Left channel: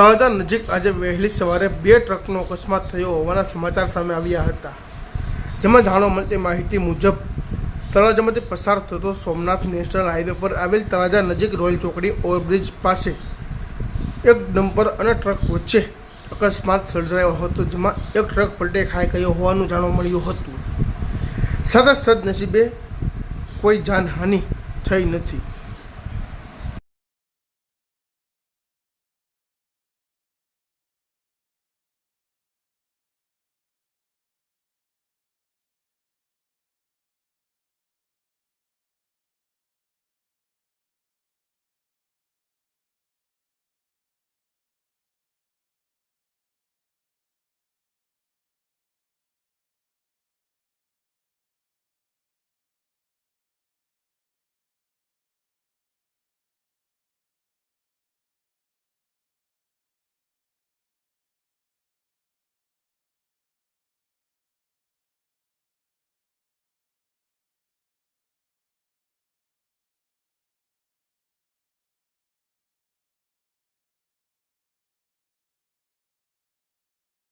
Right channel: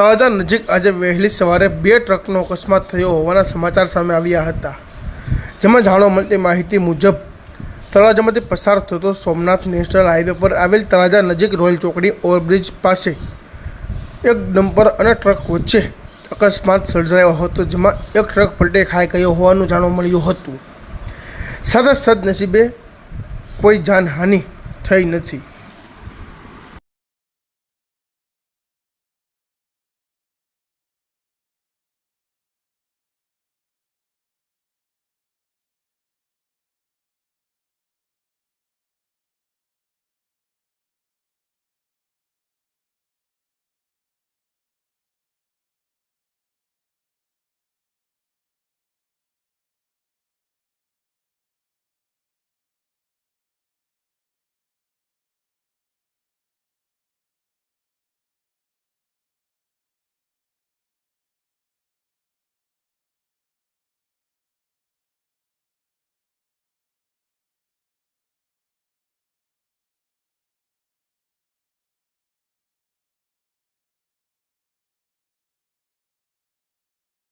તળાજા નજીક આજે વહેલી સવારે 2 ટ્રકનો અકસ્માત થયો હોવાના સમાચાર સામે આવ્યા હતા, જેમાં જાણવા મળતી માહિતી મુજબ તળાજામાંથી પસાર થતો સોમનાથ નેશનલ હાઈવે પર આવેલ તળાજા નજીક રોયલ ચોકડી ઓવરબ્રિજ પાસે એક ડમ્પર અને ટ્રક વચ્ચે અકસ્માત સર્જાયો હતો, જેમાં એક ટ્રક પલટે ખાઈ ગયો હોવાનું જાણવા મળ્યું હતું। સાથે સદનસીબે કોઈ જાનહાનિ થઈ નથી।